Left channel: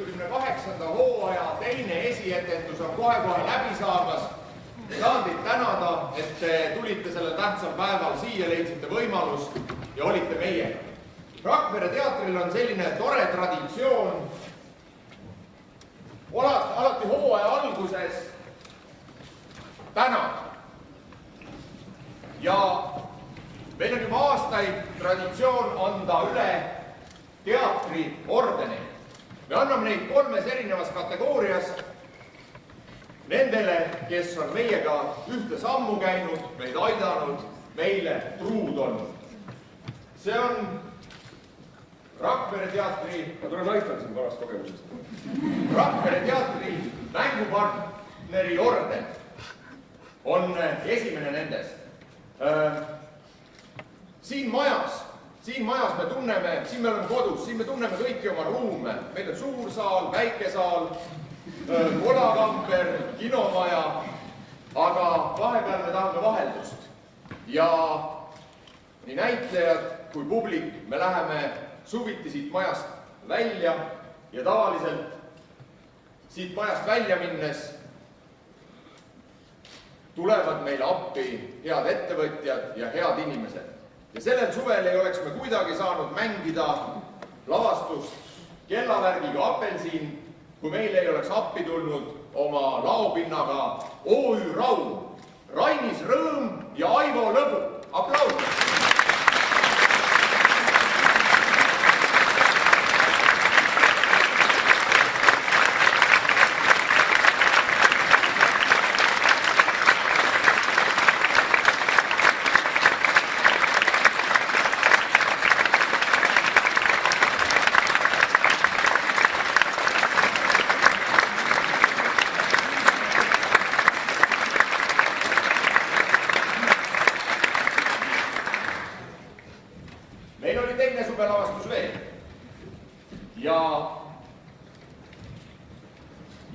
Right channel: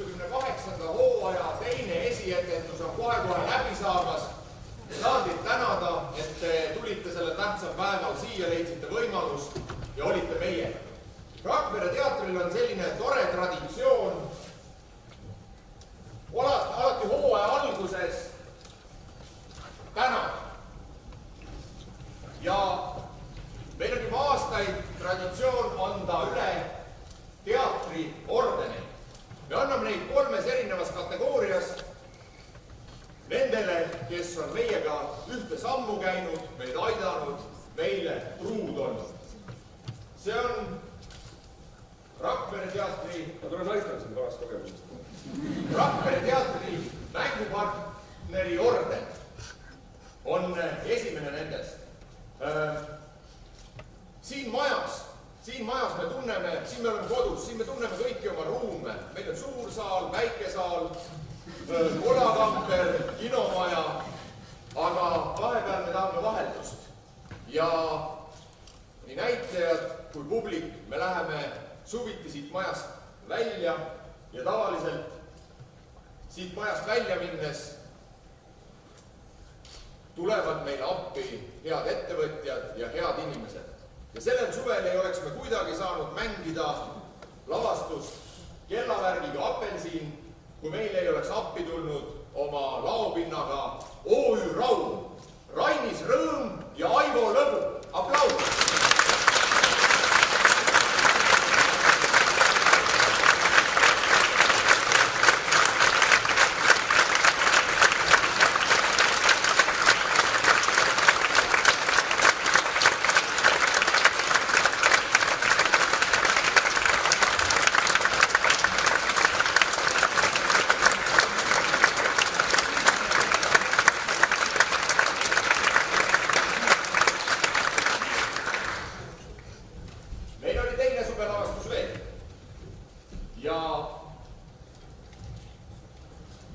78. hooaja teine esietendus on kohe-kohe läbi saamas. Tahan teid tänada, et te tulite sellel tähtsal päeval siia, leidsite võimalust ja olite meiega. Rakvere teatril on selline tore traditsioon. Alati hooaja alguses tänada. Ja meil on juba aastaid traditsioon anda üle teatriordeneid. Me anname neid 3 erinevas kategoorias. Nendele, kes on meiega ühte sammu käinud, meid aidanud, meile truud olnud. See on Rakvere teatri... Ma tulen aitan siin varast kogemusest. Rakvere teatri mängupartneri orden on esimene nendest. Siin majas me tunneme, siin me oleme kodus, siin me tunneme kõiki oma ruume. Meil on suur saal, väike saal, kolakamper, kinomaja, aga vahepeal me tahame vaheldust. Ja nii näitlejad kui publik, me läheme suviti siit majast välja ja tavaliselt siit majast välja minnes tulevad meile appi head ettevõtjad ja head inimesed. Ja sellel suvel ei oleks me kuidagi saanud mängida lavastust Kellavärgiga apelsiin, kui meil ei oleks appi tulnud oma laopinnaga OÜ Raum, Rainis Rõõm ja Aivo Lõbu. Aplaus!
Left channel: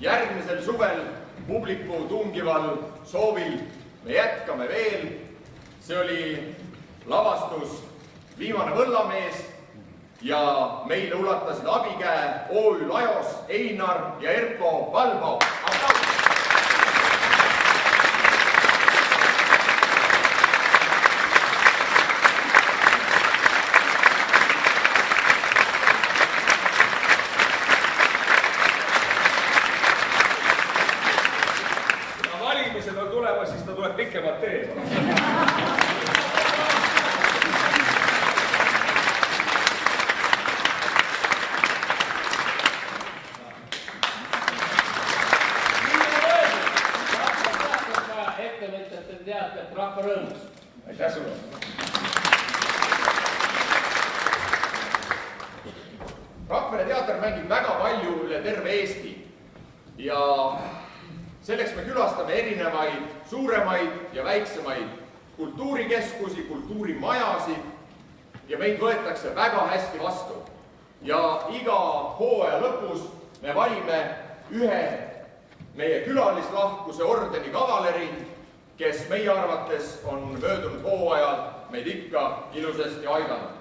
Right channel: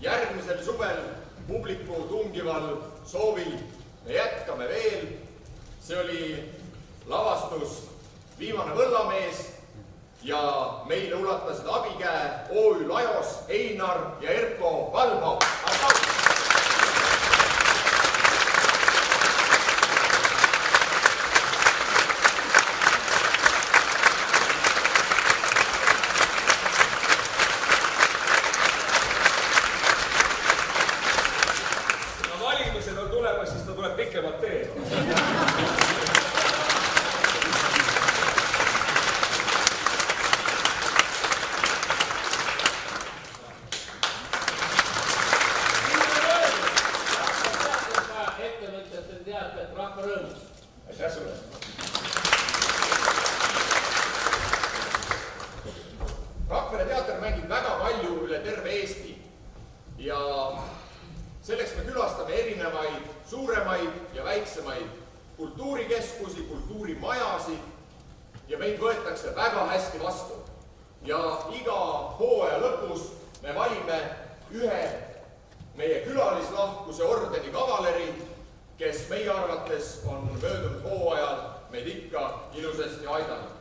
Järgmisel suvel publiku tungival soovil me jätkame veel. See oli lavastus Viimane võllamees ja meile ulatasid abikäe OÜ Lajos, Einar ja Erko Valbau. Aplaus! Pikemad teed. Ettevõtjate teatet rahva rõõmus. Aitäh sulle. Rakvere teater mängib väga palju üle terve Eesti ja selleks me külastame erinevaid suuremaid ja väiksemaid kultuurikeskusi, kultuurimajasid ja meid võetakse väga hästi vastu. Ja iga hooaja lõpus me valime ühe meie külalislahkuse ordeni kavaleri, kes meie arvates on möödunud hooajal meid ikka ilusasti aidanud.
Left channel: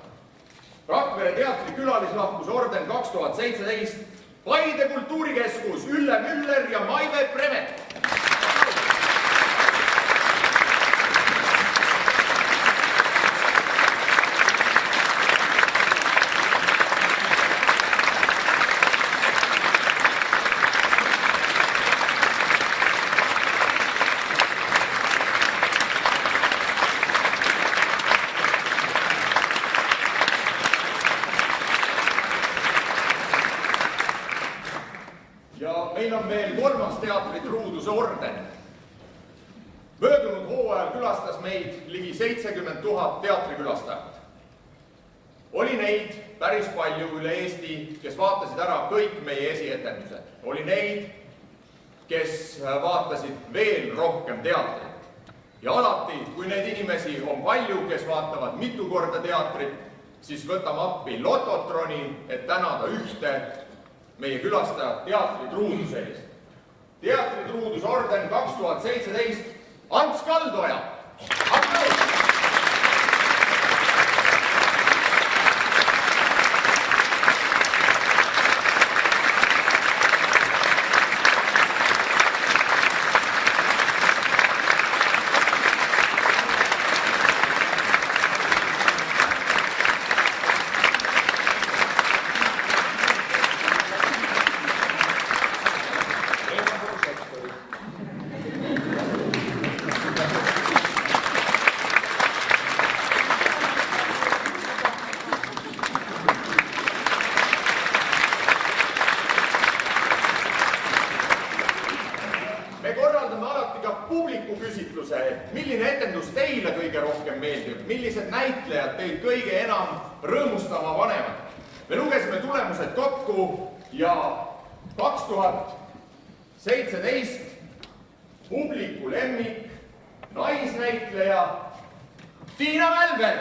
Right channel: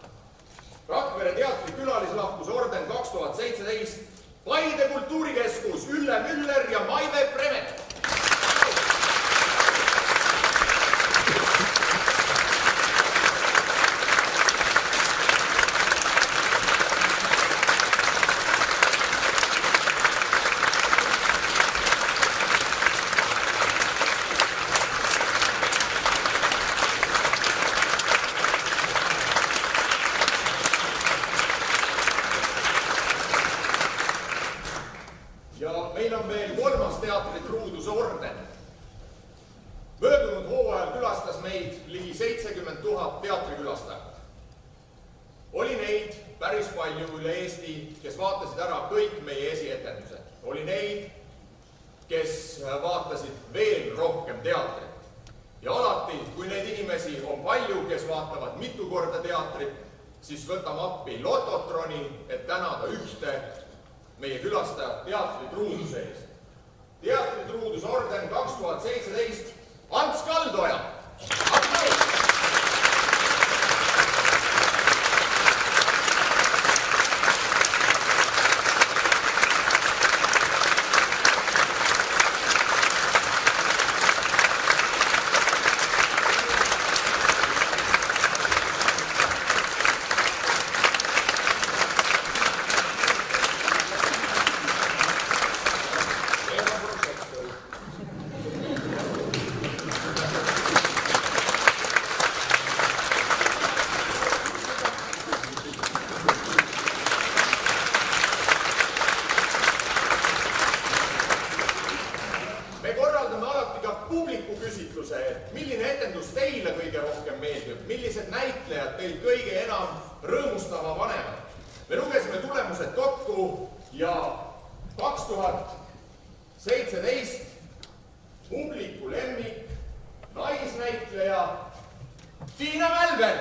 Rakvere teatri külalislahkuse orden 2017 Paide kultuurikeskus Ülle Müller ja Maive Premet. Meil on veel 3. teatri truuduse orden. Möödunud hooajal külastas meid ligi 70 000 teatrikülastajat. Oli neid päris palju üle Eesti, kes vaatasid ära kõik meie esietendused. Oli neid, kes vaatasid veel rohkem teatrit. Ja alati, kui neid inimesi on palju, kes vaatavad mitu korda teatrit, siis võtame appi Lototroni, et tänada ühte meie külastajad teatritruuduse eest. Teatritruudusorden 2017 Ants Kaldoja. Aplaus! millised näitlejad teid kõige enam rõõmustama panevad. Me lugesime tulemused kokku ja 2017 publiku lemmik, naisnäitleja Tiina Mälberg.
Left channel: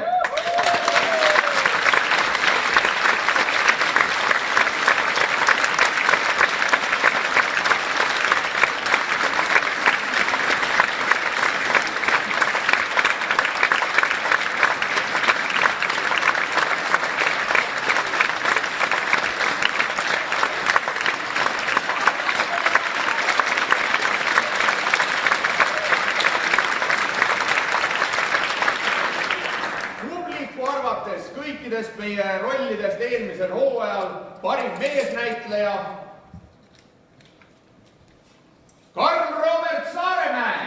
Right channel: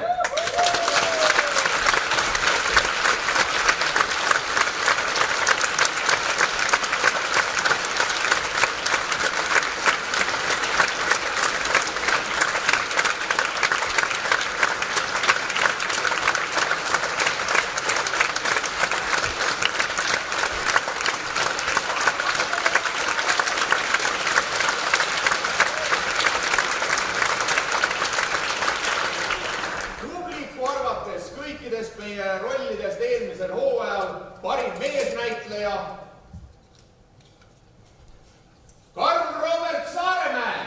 Kõikidest meie rollidest eelmisel hooajal parim meesnäitleja Karl Robert Saaremäe.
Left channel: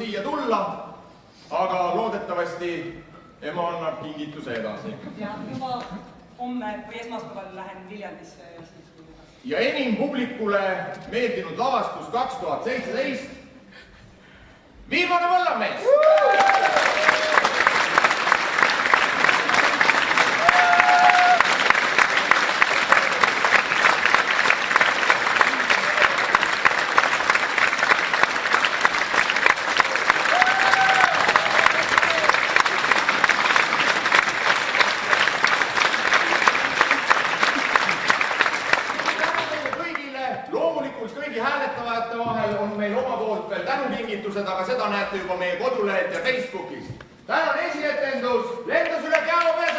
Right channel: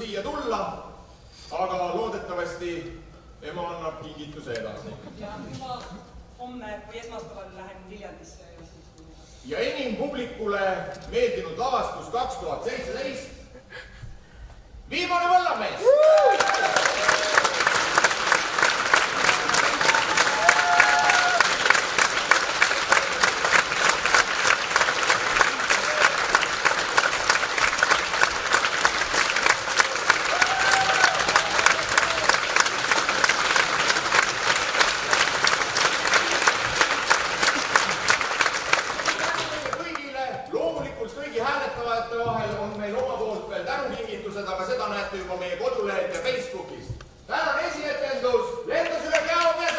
Siia tulla, aga loodetavasti ema annab kingituse edasi. Ja juba homme või esmaspäeval lähen Viljandisse. Ja enim publikule meeldinud lavastus 2017. Viimane Võllamees! Kõigi hääletavate vahel on meil oma poolt veel tänukingitused, aga seda näete juba meie kodulehelt ja Facebookist. Tänane esietendus lendas üle Käomäe.